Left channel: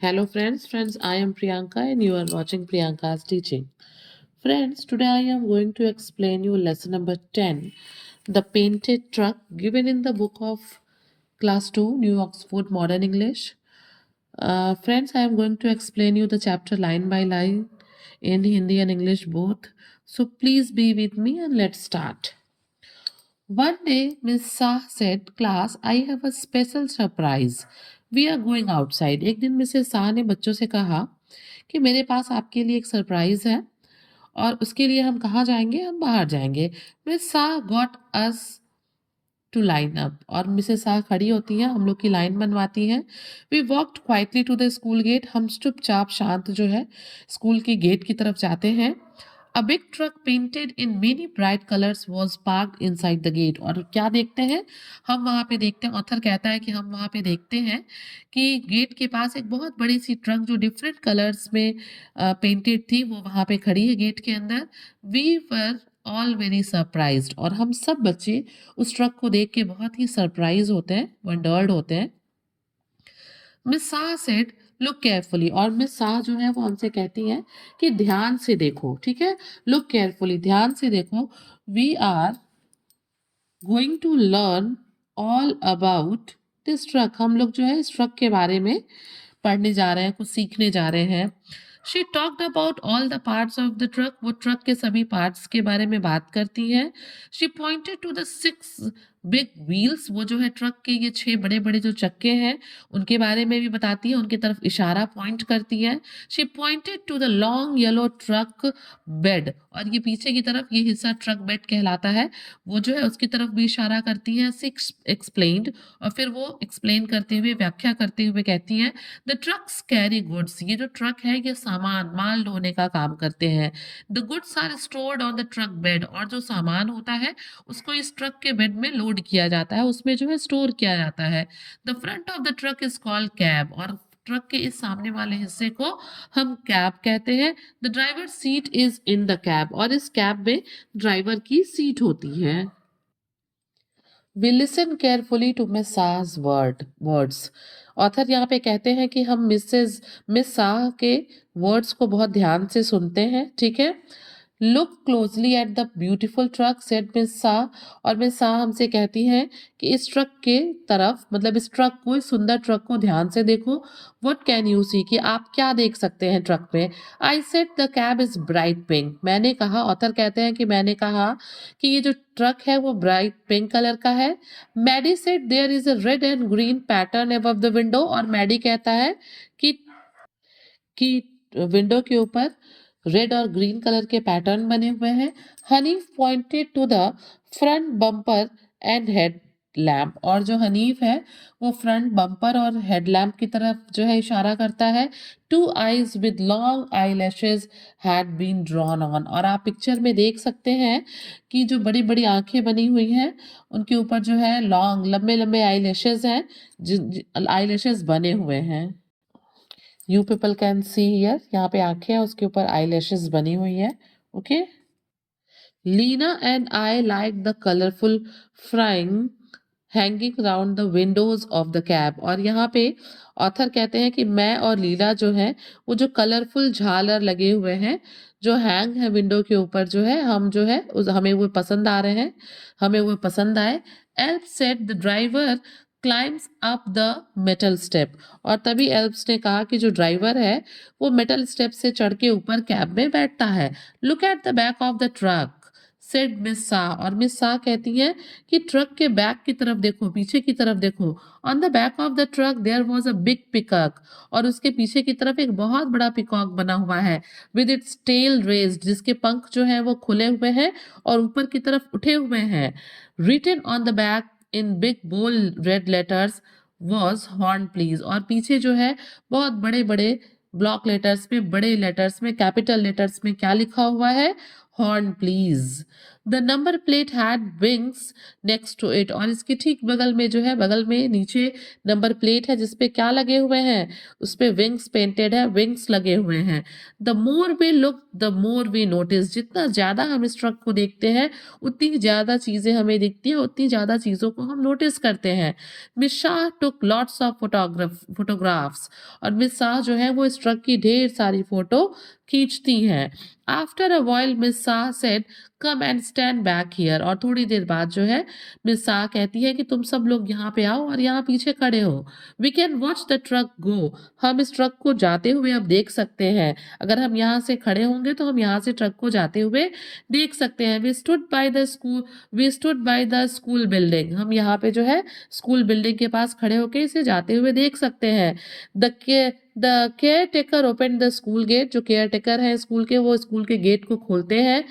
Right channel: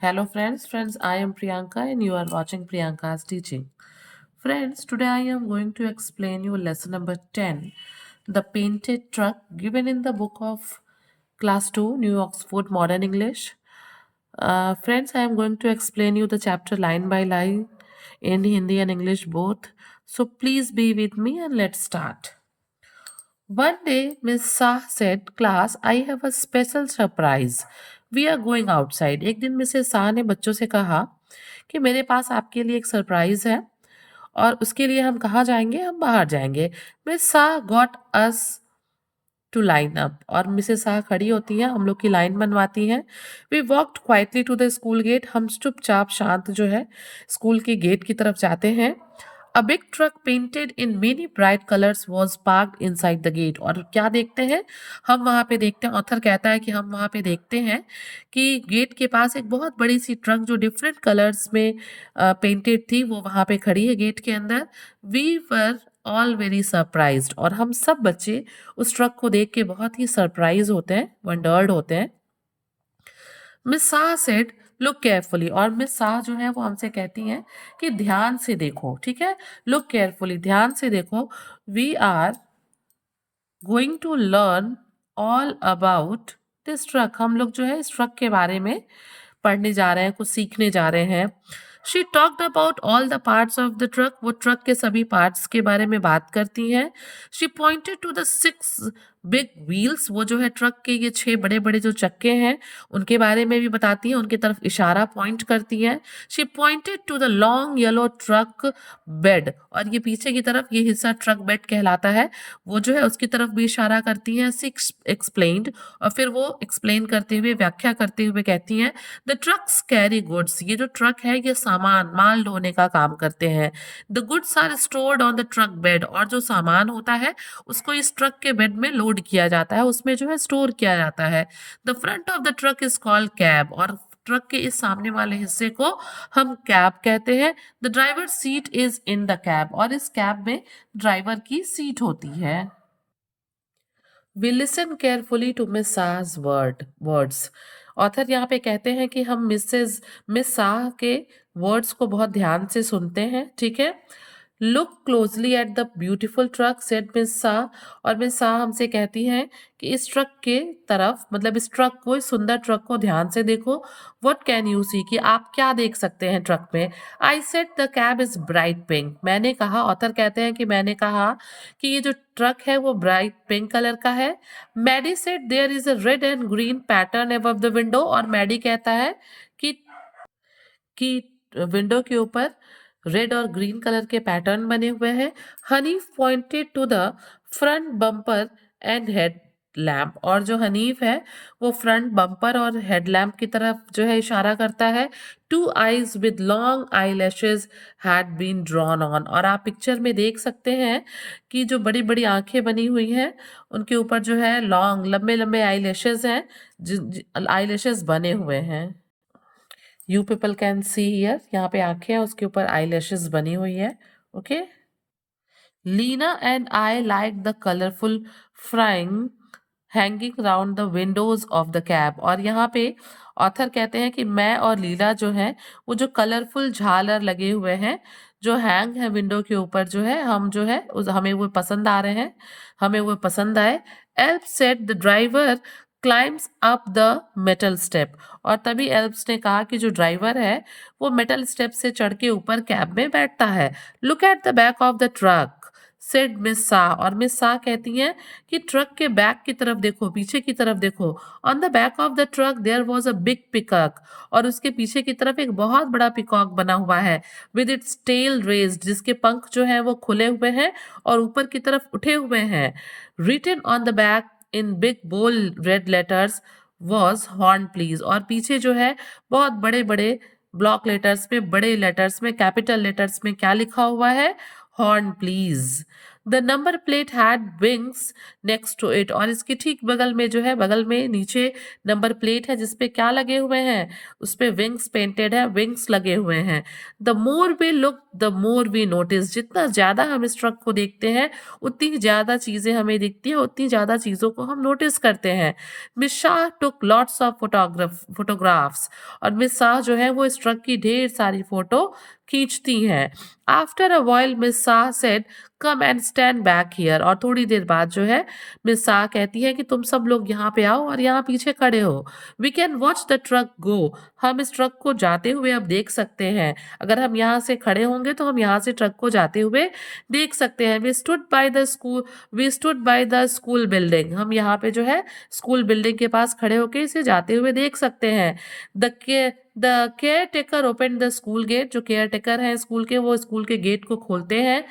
Hello friends, I am Priyanka and you are watching Priyanka's teaching. Friends, today I am going to explain you lesson number 10, the painted truck given in the book of class 2, New Oxford Modern English. Friends, I am going to explain you the chapter line by line in Hindi and English both. So please be with me and let's start. One day, Miss Shah said, Class, I have a special surprise. We are going outside. एक दिन Mrs Shah ने बच्चों से कहा कि मेरे पास आपके लिए एक सरप्राइज है और उसके लिए हम कहाँ जाएंगे? हम बाहर जाएंगे. Miss Shah got us to line up और मिसेस शाह खड़ी होती है, हम लोग की लाइन बनवाती हैं. We walked quietly to the school gate. हम चुपचाप शांत जो है स्कूल के गेट की तरफ जाते हैं. A big truck painted in many bright colors was parked inside the gate. और क्या देखते हैं? हम वहाँ पे देखते हैं, ऑथर कहता है कि हम वहाँ पे देखते हैं कि गेट के पास एक बहुत बड़ी सी ट्रक जो डिफरेंट कलर्स में पेंटेड थी, वो वहाँ पे खड़ी है गेट के अंदर. We were all very surprised और हम सब बच्चे उस ट्रक को देख के बहुत ही सरप्राइज होते हैं, वंडर्ड होते हैं. Miss Shah said look carefully और मिस शाह जो है वो हमसे कहती हैं कि ध्यान से देखो. ठीक है, लुक केयरफुली, ध्यान से देखो. We are going to learn all about this truck. हम लोग जो है इस ट्रक के बारे में पढ़ने जा रहे हैं, कुछ सीखने जा रहे हैं. She talked about all the parts of the truck. वो ट्रक के सभी पार्ट्स के बारे में बात करती हैं. She pointed to the 6 big wheels. वो जो है ट्रक के ये 6 बड़े बड़े जो चक्के हैं उनके बारे में भी बताती है, उनकी तरफ इशारा पॉइंट करती है. She pointed to the long yellow truck bed और ये पीछे की तरफ ये हिस्सा ट्रक बेड कहलाता है, वो जो है उसकी तरफ भी इशारा करती हैं. शी एक्सप्लेन्ड और फिर वो एक्सप्लेन करते हुए, व्याख्या करते हुए कहती हैं द ट्रक्स कैरी गुड्स. ये जो ट्रक है ये सामान, माल ढोने का काम करते हैं. The goods are stored on the truck bed और जो सामान होता है उसको इस ट्रक के बेड में लोड किया जाता है, उसमें जो है स्टोर किया जाता है. The front of the truck is called cab और ट्रक के इस सामने वाले हिस्से को हम कैब कहते हैं. The driver seat is in the cab और इस कैब में ड्राइवर की सीट होती है. We listen carefully to miss शाह's वर्ड्स. ऑथर यहाँ पे कहते हैं कि हम मिस शाह के वर्ड्स को बहुत ध्यान से सुनते हैं. ठीक है, look closely at the beautiful truck said miss Shah और मिस शाह हमसे कहती हैं कि इस ट्रक के तरफ, मतलब इस ट्रक को, इस सुंदर ट्रक को ध्यान से देखो. व्हाट कैन यू सी, कि आप क्या देख सकते हैं ट्रक में. I said the cab is bright pink. मैंने कहा, ऑथर कहते हैं कि मैंने कहा कि ये जो ट्रक है वो ब्राइट पिंक कलर का है. Maddie said there is a red and green pattern above the window और मैडी कहता है कि विंडो के ऊपर रेड और ग्रीन कलर के पैटर्न बने हुए हैं. Hanif pointed to the front bumper and head lamp और जो हनीफ है वो फ्रंट बम्पर और हेडलैम्प की तरफ जो है इशारा करता है. 2 eyes with long eyelashes had been drawn on और आप पिक्चर में देख सकते हैं कि जो बड़ी बड़ी आंखें बनी हुई हैं उनके ऊपर जो है लॉन्ग, लंबे लंबे आईलैशेस हैं, आईलैशेस बने हुए हैं. You people can see here, यहाँ पे आंखें हैं, उसके ऊपर आईलैशेस बनी हुई है. Okay, Leena and I like the colourful frying hanging round the windows of the cab और यहाँ पे ऑथर कहते हैं कि मैं और लीला जो है वो जो कलरफुल झालर लगे हुए हैं जो हैंग है विंडो के ऊपर, जो है हम जो है हमें वो पसंद आ रहे हैं, हमें वो पसंद आए. एल्प said the driver climbs up the metal step और तभी एल्प्स ने कहा कि जो ड्राइवर है वो मेटल स्टेप से चढ़ के ऊपर कैब में बैठता है. Look at the back of the truck said miss Shah और मिस शाह कहती हैं कि ट्रक के बैक की तरफ देखो, पीछे की तरफ देखो. On the back of the truck there was a big peacock और उसके पीछे की तरफ एक बहुत बड़ा पिकॉक बना हुआ है. विद इट्स टेल रेज्ड, जिसके पंख जो है वो खुले हुए हैं और ऊपर की तरफ उठे हुए हैं. Written on the back in big bold red letters was horn please और पीछे जो है बहुत बड़े बड़े ब्लॉक लेटर्स में, बड़े लेटर्स में, कैपिटल लेटर्स में क्या लिखा हुआ है? Horn please. The number plate had wings next to it, और इसके ठीक बगल में जो है, बगल में नीचे नंबर प्लेट है जिसपे क्या लगे हुए हैं, उस पे विंग्स पेंटेड है, विंग्स लगे हुए हैं। The more we look the more we notice, जितना ज्यादा हम इस ट्रक को देखते हैं उतनी ज्यादा चीजें हमें दिखती है, उतनी ज्यादा चीजों को हम नोटिस करते हैं। Miss Shah took lots of photographs, और मिस शाह जो है वो इस ट्रक की ढेर सारी फोटो खींचती हैं। After a while miss Shah said come and stand back here, और थोड़ी देर बाद जो है मिस शाह कहती है कि तुम सब लोग यहाँ पे आओ और यहाँ पीछे खड़े हो। We can watch the truck go, हम इस ट्रक को जाते हुए अब देख सकते हैं। अगर हम यहाँ से खड़े होंगे तो हम यहाँ से ट्रक को जाते हुए देख सकते हैं। We stood by the school building, हम यहाँ पे जो है स्कूल बिल्डिंग के पास खड़े होकर इसे जाते हुए देख सकते हैं। The caretaker open the school gate, जो केयर टेकर है स्कूल के, वो स्कूल के गेट को खोलते हैं।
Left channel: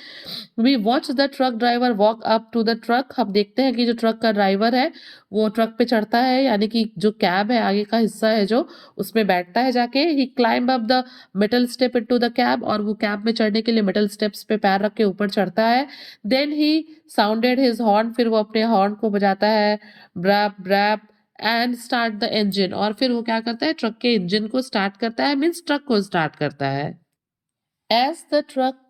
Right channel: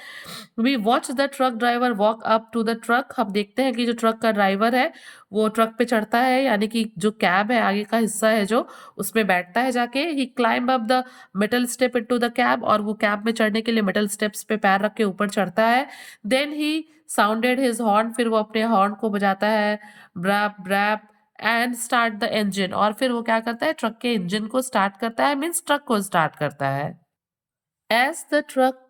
We watch the truck driver walk up to the truck, हम देखते हैं कि जो ट्रक का ड्राइवर है वो ट्रक पे चढ़ता है, यानी कि जो कैब है आगे का हिस्सा है जो, उसमें बैठता है जाके। He climb up the metal step into the cab, और वो कैब में चढ़ने के लिए मेटल स्टेप्स पे पैर रख के ऊपर चढ़ता है। Then he sounded his horn, फिर वो अपने हॉर्न को बजाता है, brap brap, and start the engine, और फिर वो क्या करता है, ट्रक के इंजन को स्टार्ट करता है, मीन्स ट्रक को स्टार्ट करता है। As the truck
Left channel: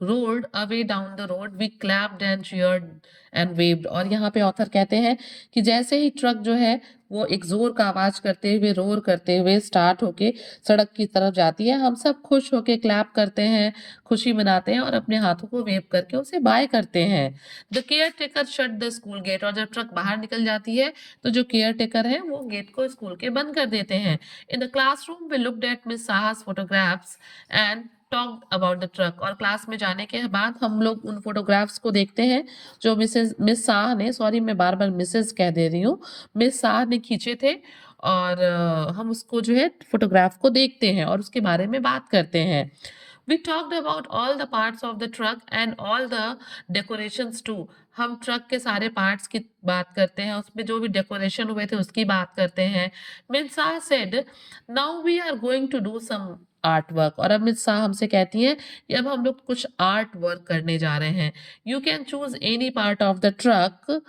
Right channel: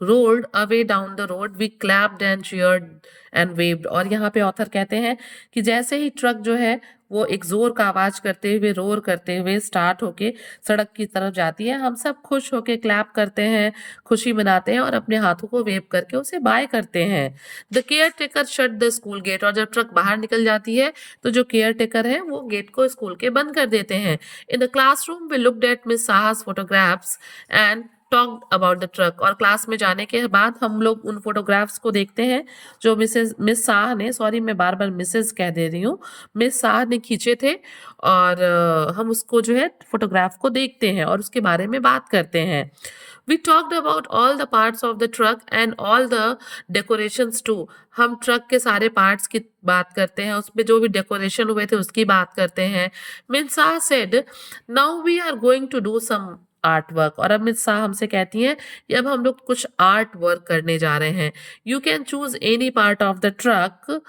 rolled away down the road, we clapped and cheered and waved, और यहाँ पे ऑथर कहते हैं कि जैसे ही ट्रक जो है वो एक जोर का आवाज करते हुए, रोर करते हुए स्टार्ट होके सड़क की तरफ जाती है, हम सब खुश होके क्लैप करते हैं, खुशी मनाते हैं और अपने हाथों को वेव करके उसे बाय करते हैं। The caretaker shut the school gate, और जब ट्रक बाहर निकल जाती है तो जो केयर टेकर है वो गेट को स्कूल के बंद कर देते हैं। In the classroom we looked at miss साहा's photographs and talk about the truck, और क्लास में जाने के बाद हम लोग उन फोटोग्राफ्स को देखते हैं जो मिस शाह ने, सॉरी मैं बार बार मिसेज कह दे रही हूँ, मिस शाह ने खींचे थे, और हम उसको जो है फोटोग्राफ को देखते हैं और उसके बारे में बात करते हैं। We talked about all the parts of the truck and all the decorations too. हम ट्रक के सारे पार्ट्स की बात करते हैं, उसमें जो भी डेकोरेशन हुए थे उसकी बात करते हैं। Miss Shah said, now we are going to do some art work, और अब मिस शाह हमसे कहती हैं कि अब हम लोग कुछ आर्ट वर्क करने जा रहे हैं। You can choose any part of the truck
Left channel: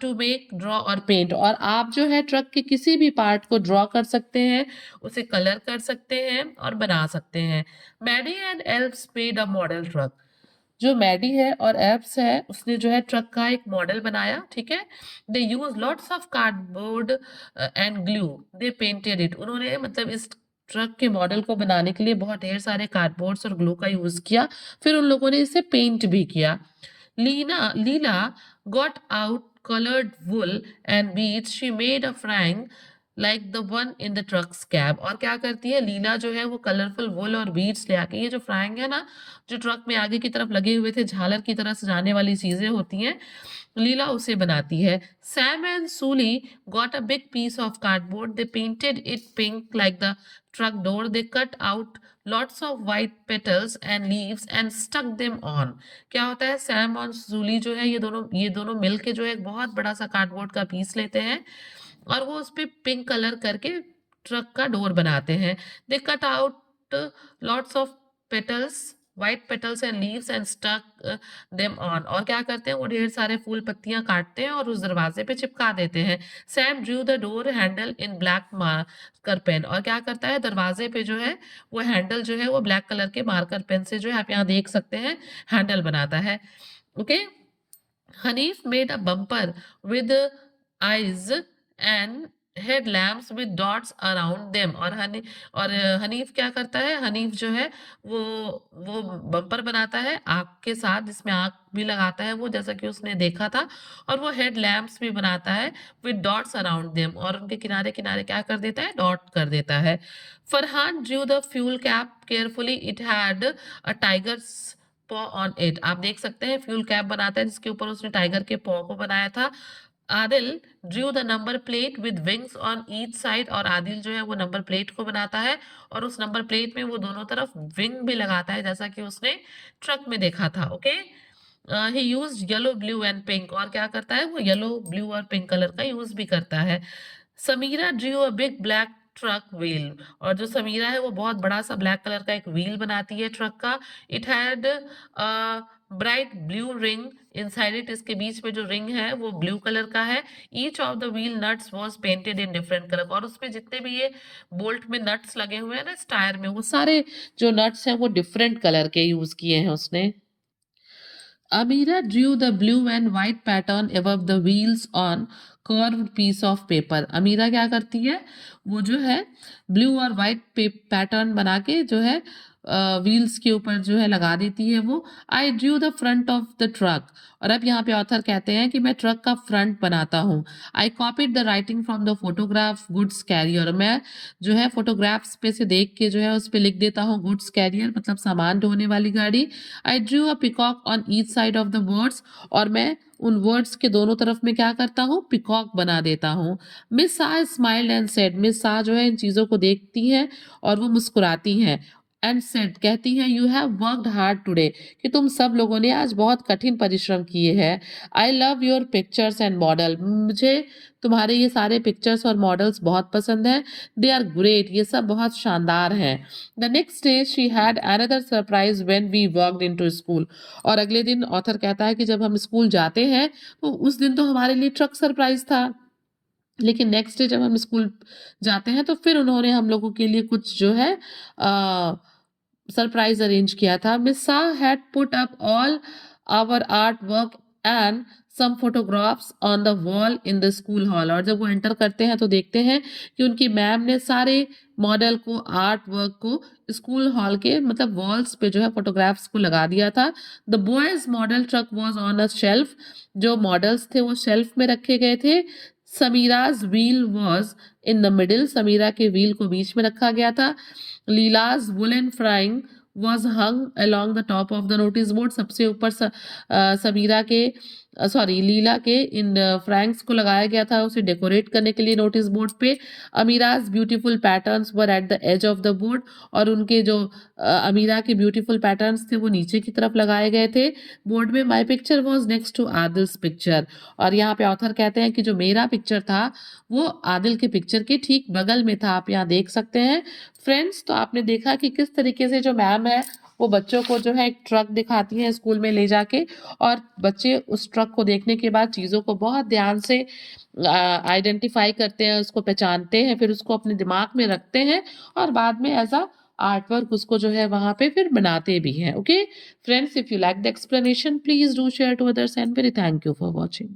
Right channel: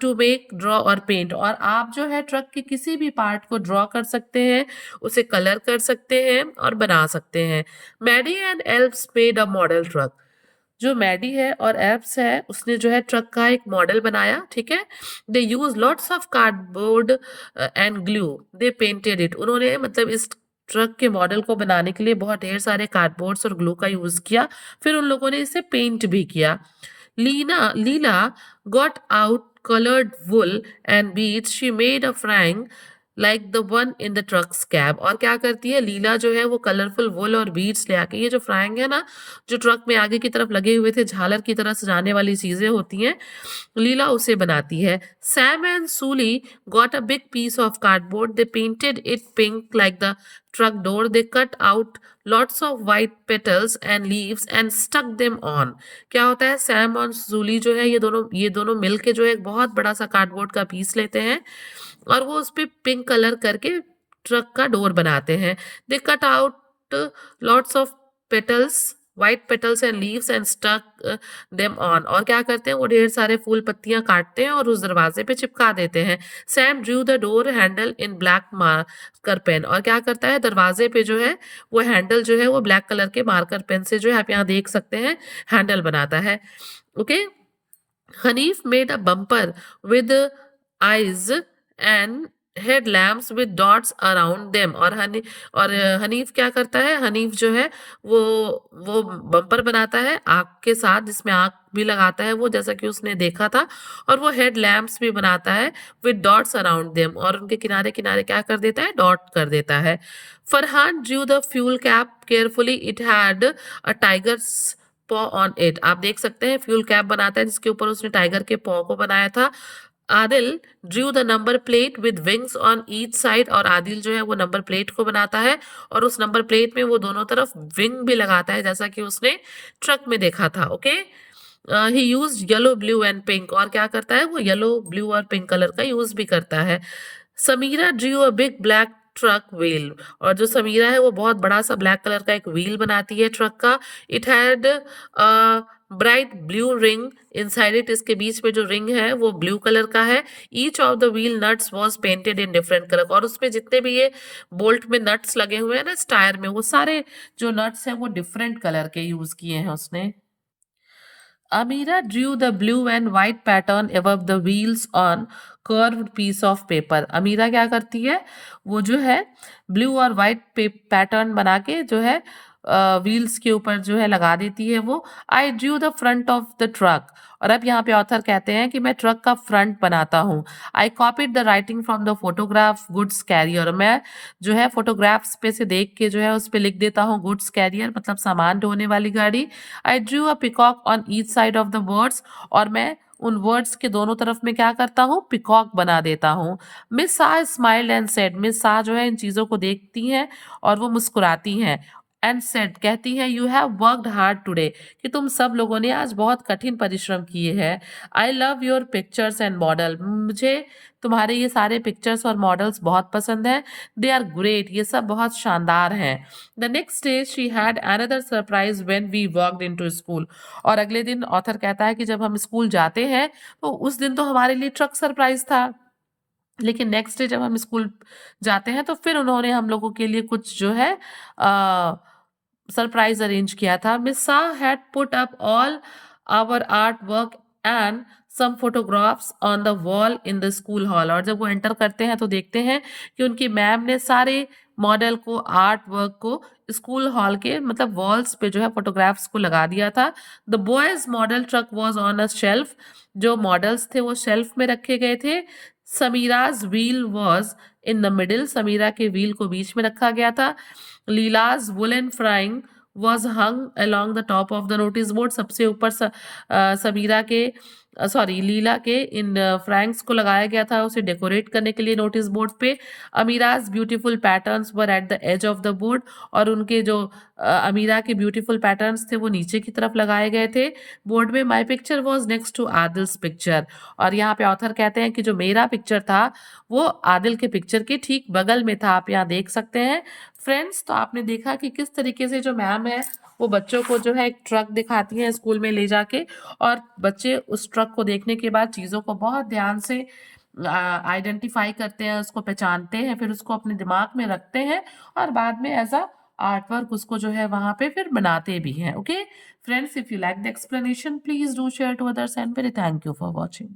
to make draw और पेंट, और आप जो है ट्रक के किसी भी पार्ट को ड्रॉ कर सकते हैं, उसे कलर कर सकते हैं और बना सकते हैं। Maddie and Alps made a model truck, जो मैडी है और एल्प्स है उसने जो है ट्रक का एक मॉडल बनाया, ठीक है। They use lots of cardboard and glue, they painted it, उन्होंने मतलब इस ट्रक के मॉडल को बनाने के लिए बहुत ढेर सारे कार्डबोर्ड्स और ग्लू का यूज किया, फिर उन लोगों ने इसे पेंट भी किया। Leela got out colored wool and beads, she made a frame like the one in the truck's cab, और क्या करती है लीला जो है वो कलरफुल वुल और बीड्स ले आके, ये जो फ्राइंग है ना जो ट्रक में आगे की तरफ लगे हुए थे झालर की तरह सजाने वाली चीजें होती हैं, लीला उसे बनाती है। Sam and Sully got a big piece of cardboard, they painted it pink like the truck door, they cut out lots of white petals and leaves and stuck them on। क्या होता है, सैम और जूली जो है ये दोनों मिलके जो है एक बहुत बड़ा सा कार्डबोर्ड का पीस लेते हैं और वो उस पे पिंक कलर करके ट्रक का डोर बनाते हैं। They cut out lots of petals, white petals and leaves and stuck them on, और क्या करते हैं वो ढेर सारे फूल पत्तियां काटते हैं और उस दरवाजे पे चिपका देते हैं। Sam drew the door handle in black marker pen, और क्या करता है दरवाजे पे जो है वो हैंडल जो है वो ब्लैक कलर के मार्कर पेन से जो है आप यहाँ देख सकते हैं हैंडल बनाता है। Okay, Hanif made a bumper with eyes and headlamps with dots around them, और हनीफ क्या करता है, हनीफ जो है वो बम्पर बनाता है आग के साथ जिसमें आग भी लगाता है वो, जैसा कि उसने देखा था, और वो हेड लैम्प्स भी बनाता है विद डॉट्स अराउंड देम, और उनके किनारे किनारे क्या कर देता है, डॉट कर देता है। Farhan Drew the fuel cap carefully, it had a tigers पॉ ऑन इट, आप देख सकते हैं फ्यूल कैप बनाता है जिसके ऊपर उसने टाइगर के पॉ को बनाया था। Adil Drew the number plate with wings on each side, और आदिल जो है वो नंबर प्लेट को बनाता है और उस नंबर प्लेट में वो दोनों तरफ विंग भी लगाता है जैसा कि उसने ट्रक में देखा था। Okay, he use yellow blue and pink, और क्या करता है वो येलो ब्लू और पिंक कलर का यूज भी करता है। Samira drew a big black truck wheel, और जो समीरा है वो बहुत बड़ा सा ब्लैक कलर का एक व्हील बनाती है ट्रक का। It had bright blue ring inside it, इसके बीच में जो रिंग है वो ब्लू कलर का है। Each of the wheel nuts was painted in different colour, और उसमें जितने भी ये बोल्ट में नट्स लगे हुए हैं ना इस टायर में, वो सारे जो नट्स हैं वो डिफरेंट कलर के यूज किए हैं उसने। Amira drew the blue and white pattern above the wheels on curved piece of paper. अमीरा क्या करती है, वो जो है ब्लू और वाइट पैटर्न बना के जो है व्हील्स के ऊपर जो है लगा देती है वो। I drew the front of the truck, और अब यहाँ पे ऑथर कहते हैं कि मैं ट्रक का फ्रंट बनाता हूँ। I copied the writing from the photograph goods carrier, मैं जो है फोटोग्राफ्स पे से देख के जो है उस पे लिख देता हूँ गुड्स कैरियर, मतलब सामान ढोने वाली गाड़ी। I drew a peacock on each side of the words, और मैं उन वर्ड्स के दोनों तरफ में क्या करता हूँ, पिकॉक बना देता हूँ। Miss Shah smiled and said, miss Shah जो है इन चीज़ों को देखती हैं और वो मुस्कुराती हैं। एंड सेड, कहती हैं, you have worked hard today, कि तुम सब लोगों ने आज बहुत कठिन परिश्रम किए हैं। I love your pictures and model, मुझे तुम्हारे ये सारे पिक्चर्स और मॉडल्स बहुत पसंद हैं। दे आर ग्रेट, ये सब बहुत शानदार हैं। The next day she had another surprise when we walked into school, और अगले दिन ऑथर कहता है कि जब हम स्कूल जाते हैं तो उस दिन तो हमारे लिए ट्रक सरप्राइज था, लेकिन नेक्स्ट डे जब हम स्कूल जाते हैं तो फिर उन्होंने हम लोगों के लिए कुछ जो है सरप्राइज अरेंज किया था। Miss Shah had put up all our art work and some photographs on the wall in the school hall, और जब वो एंटर करते हैं तो देखते हैं कि उनकी मैम ने सारे मॉडल को, आर्ट वर्क को स्कूल हॉल के मतलब वॉल्स पे जो है फोटोग्राफ्स को लगा दिया था। The boys model truck was on a shelf, जो मॉडल्स थे वो शेल्फ में रखे गए थे। Samira's wheel was in the middle, Samira के व्हील को बीच में रखा गया था। Leela's woollen fringe was hung along the top of the notice board, सबसे ऊपर समीरा के सॉरी लीला के इन फ्रैंक्स को लगाया गया था उसे डेकोरेट करने के लिए नोटिस बोर्ड पे। अमीराज beautiful patterns were at the edge of the board, और उनके जो अमीरा के ब्यूटीफुल पैटर्न्स थे वो नीचे की तरफ लगाए गए थे बोर्ड में। My picture was next to Adil's picture, और यहाँ पे ऑथर कहते हैं कि जो मेरा पिक्चर था वो आदिल के पिक्चर के ठीक बगल में था, आप यहाँ देख सकते हैं। फ्रेंड्स, तो आपने देखा कि किस तरीके से जो मैम है वो बच्चों को जो है एक ट्रक दिखाती है स्कूल में ले जाके, और बच्चे उस ट्रक को देखने के बाद चीज़ों को बहुत ध्यान से आइडेंटिफाई करते हैं, उसको पहचानते हैं, फिर उसको अपने दिमाग में रखते हैं और बाद में एज अ आर्ट वर्क उसको जो है वहाँ पे फिर बनाते भी हैं। Okay friends, if you like the explanation please do share to others and very thank you for watching.